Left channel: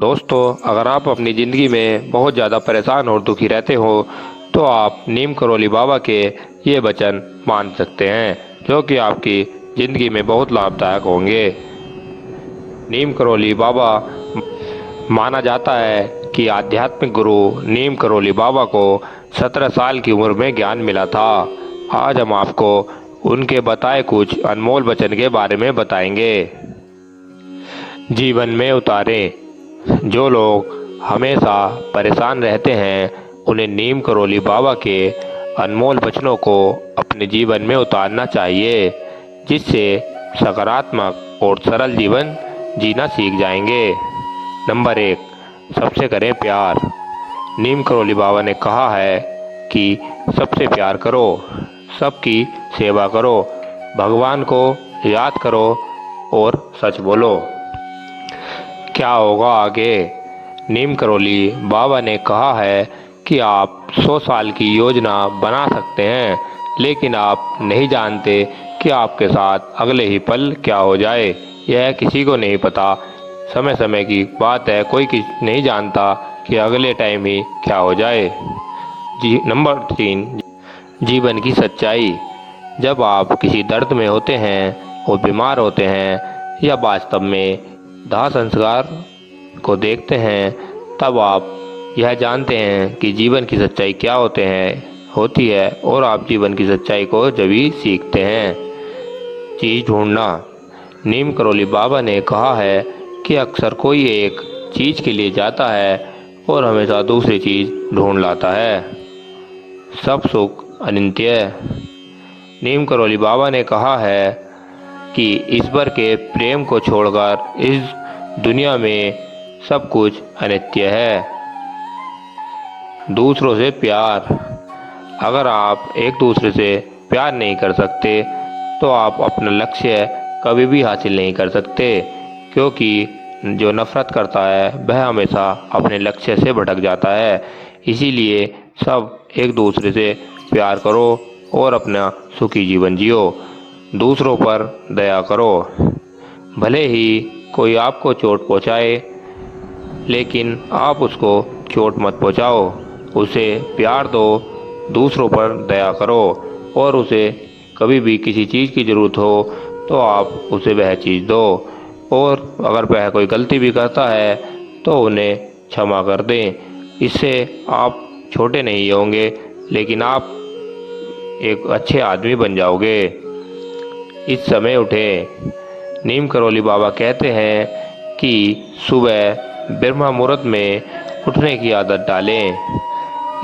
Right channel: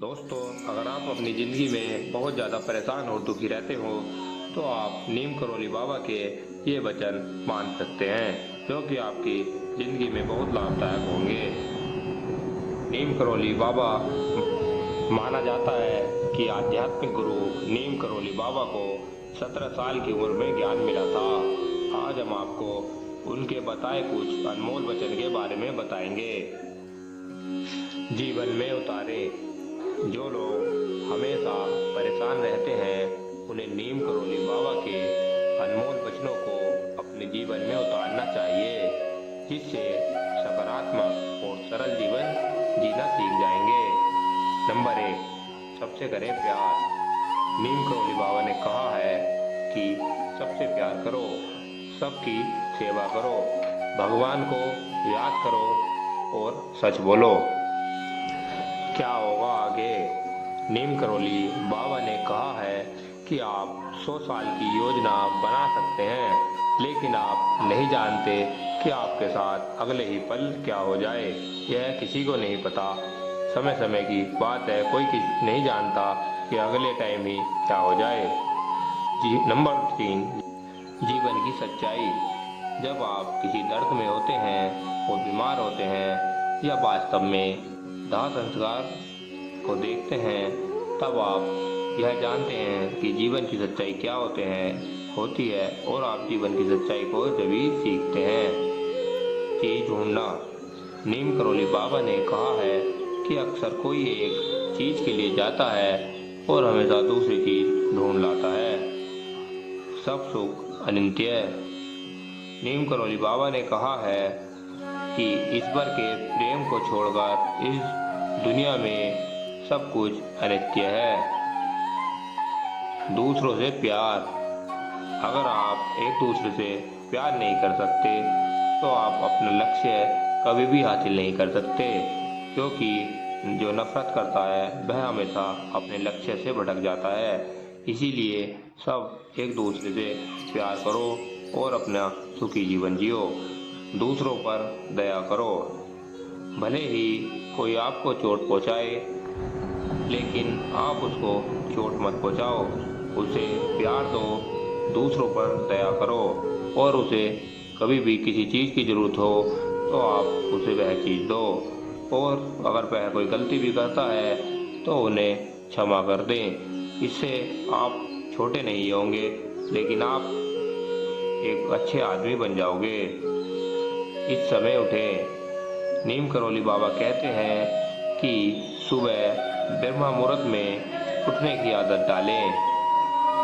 दोस्तों, अगर आप अपनी ज़िंदगी में बहुत ज़्यादा परेशान और दुखी रहते हो तो आप नीम करोली बाबा के ये वचन मान सकते हैं जो कि आपकी ज़िंदगी में बहुत लाभदायक होंगे। नीम करोली बाबा माना जाता है कि आध्यात्मिक गुरु नीम करोली बाबा को 17 साल की उम्र में ज्ञान मिला था। आज हम आपको उनके बताए कुछ अनमोल वचन के बारे में बताएंगे। जीवन में उतारे। जो लोग हमेशा परेशान रहते हैं उन्हें नीम करोली बाबा के अनमोल वचनों को अपने जीवन में उतारना चाहिए, जिससे सकारात्मक और सरल जीवन जीना सीख जाएंगे। नंबर 1, सबसे करें प्यार। नीम करोली बाबा ने कहा है कि सबसे प्यार करो, सबकी सेवा करो, भगवान को याद करो और सच बोलो। क्या होगा आगे? नीम करोली बाबा ने कहा है कि आप 100 साल की योजना बना सकते हैं, लेकिन आप नहीं जानते कि आपके साथ अगले ही पल क्या हो जाए। यह किसी को नहीं पता। समय समय की बात है, कोई नहीं जानता कि अगले टाइम ही क्या हो जाए। नंबर 3, जीवन की सच्चाई। जब आप किसी दर्द में होते हैं और बीमार होते हैं या वास्तव में दाह संस्कार को देखते हैं, तब आप यह जानते हैं कि जीवन की सच्चाई क्या होती है और आप जीवन की सच्चाई को जब ही सीखते हैं। चीज़ ढूंढना। नीम करोली बाबा ने कहा है कि अक्सर कोई एक चीज़ के लिए जाता है और हमेशा दूसरी चीज़ ढूंढ लाता है। सब सुख अनित्य। नीम करोली बाबा ने कहा है कि ईश्वर के प्रेम को छोड़कर इस दुनिया में सब कुछ अनित्य है। दूसरों से प्यार। अगर आप एक दूसरे से प्यार नहीं कर सकते तो आप अपना लक्ष्य कभी भी हासिल नहीं कर सकते, क्योंकि जो नफरत करता है वह हमेशा अपने लक्ष्य से भटक जाता है। इसीलिए सब एक दूसरे से प्यार करो और अपना सुखी जीवन जियो। दूसरों पर दया करो। भले ही कोई आपको चोट पहुंचाए, लेकिन आप उसको चोट मत पहुंचाओ, उसे प्यार दो, दूसरों पर दया करो और उसे कभी भी किसी चीज़ की ज़रूरत हो तो आप उसे वह चीज़ दो। और अगर वह कोई गलती भी करता है तो उन्हें क्षमा कर दें। इससे आप छोटे नहीं होंगे, लेकिन आप एक अच्छे आदमी बन जाओगे। इस समय उठें। नीम करोली बाबा कहते हैं कि सुबह ब्रह्म मुहूर्त में उठने की आदत डालें।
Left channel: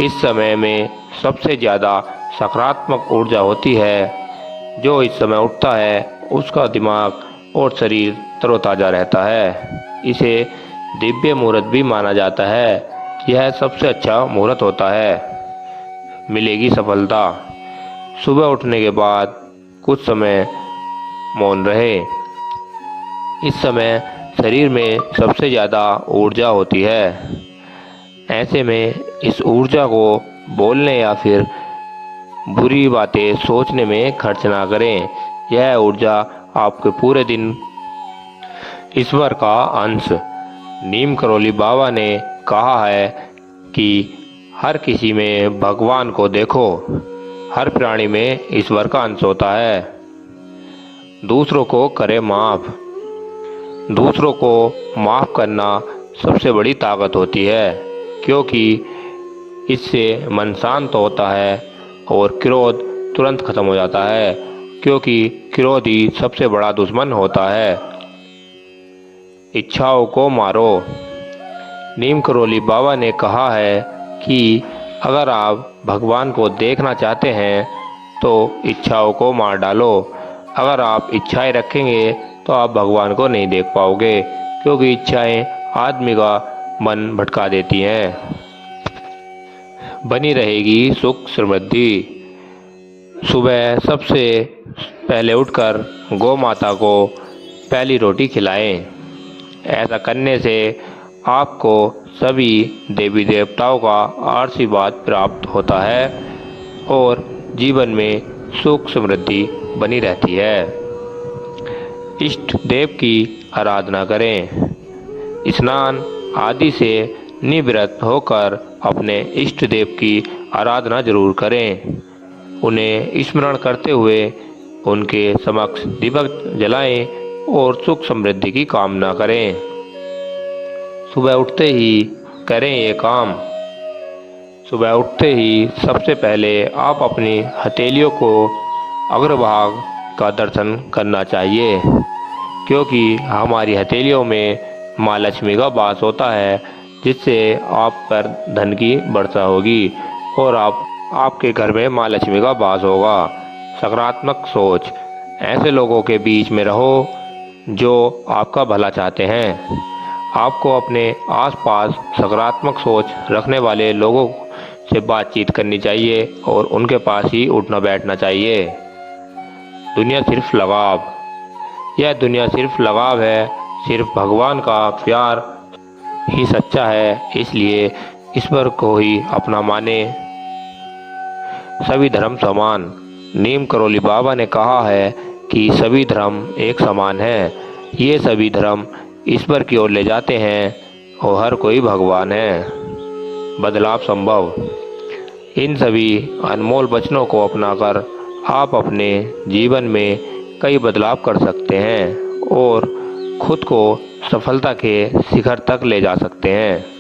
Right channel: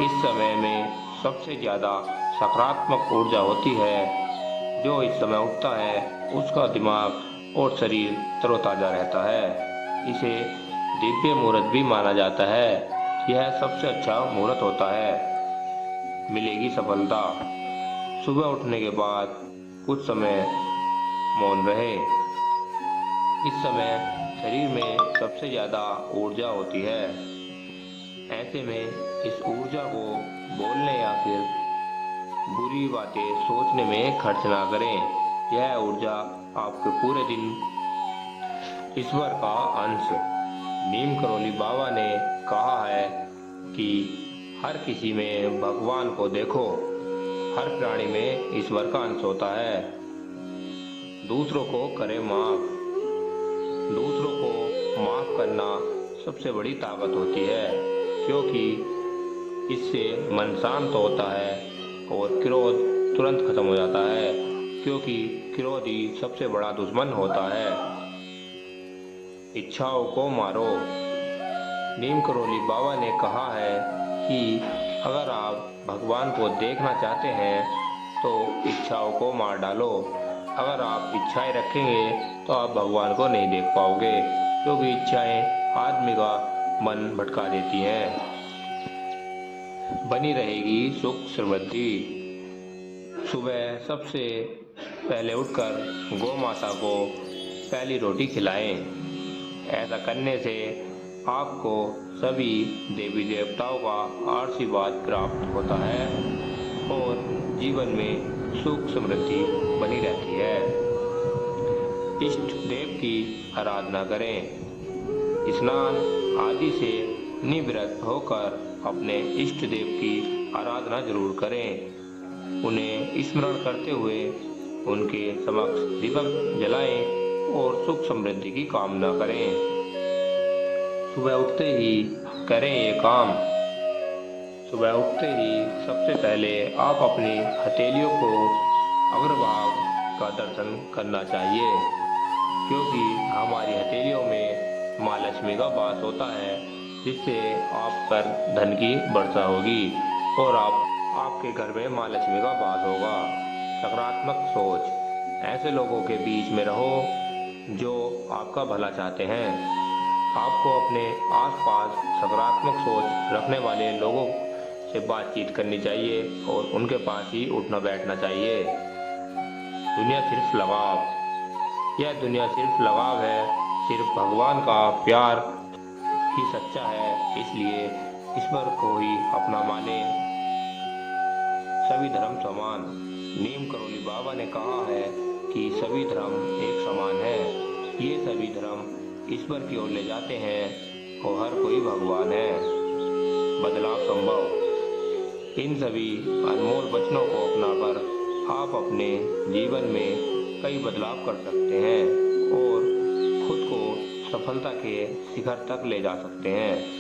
इस समय में सबसे ज़्यादा सकारात्मक ऊर्जा होती है। जो इस समय उठता है उसका दिमाग और शरीर तरोताज़ा रहता है। इसे दिव्य मुहूर्त भी माना जाता है। यह सबसे अच्छा मुहूर्त होता है। मिलेगी सफलता। सुबह उठने के बाद कुछ समय मौन रहे। इस समय शरीर में सबसे ज़्यादा ऊर्जा होती है। ऐसे में इस ऊर्जा को बोलने या फिर बुरी बातें सोचने में खर्च ना करें। यह ऊर्जा आपके पूरे दिन ईश्वर का अंश। नीम करोली बाबा ने कहा है कि हर किसी में भगवान को देखो, हर प्राणी में ईश्वर का अंश होता है। दूसरों को करें माफ़। दूसरों को माफ़ करना सबसे बड़ी ताकत होती है, क्योंकि इससे मन शांत होता है और क्रोध तुरंत खत्म हो जाता है, क्योंकि क्रोध ही सबसे बड़ा दुश्मन होता है। इच्छाओं को मारो। नीम करोली बाबा ने कहा है कि अगर आप भगवान को देखना चाहते हैं तो इच्छाओं को मार डालो। अगर आप इच्छाएं रखेंगे तो आप भगवान को नहीं देख पाओगे, क्योंकि इच्छाएं आदमी का मन भटका देती हैं। बनी रहेगी सुख समृद्धि। सुबह सबसे पहले उठकर गौ माता को पहली रोटी खिलाएं। ऐसा करने से आपको सभी देवी देवताओं का आशीर्वाद प्राप्त होता है और जीवन में सुख समृद्धि बनी रहती है। इष्ट देव की आराधना करें। स्नान आदि से निवृत्त होकर अपने इष्ट देव की आराधना जरूर करें। उन्हें स्मरण करते हुए उनके समक्ष दीपक जलाएं और सुख समृद्धि की कामना करें। सुबह उठते ही करें ये काम। सुबह उठते ही सबसे पहले आप अपनी हथेलियों को अग्रभाग का दर्शन करना चाहिए, क्योंकि हमारी हथेलियों में माँ लक्ष्मी का वास होता है, जिससे आप पर धन की वर्षा होगी और आपके घर में माँ लक्ष्मी का वास होगा। सकारात्मक सोच। ऐसे लोगों के बीच में रहो जो आपका भला चाहते हैं। आपको अपने आसपास सकारात्मक सोच रखने वाले लोगों से बातचीत करनी चाहिए और उनके पास ही उठना बैठना चाहिए। दुनिया सिर्फ लगाव। यह दुनिया सिर्फ लगाव है, सिर्फ भगवान का प्यार ही सच्चा है, इसलिए ईश्वर को ही अपना माने। सभी धर्म समान। नीम करोली बाबा ने कहा है कि सभी धर्म एक समान है। ये सभी धर्म ईश्वर की ओर ले जाते हैं और हर कोई भगवान है। बदलाव संभव। इन सभी अनमोल वचनों को अपनाकर आप अपने जीवन में कई बदलाव कर सकते हैं और खुद को सफलता के शिखर तक ले जा सकते हैं।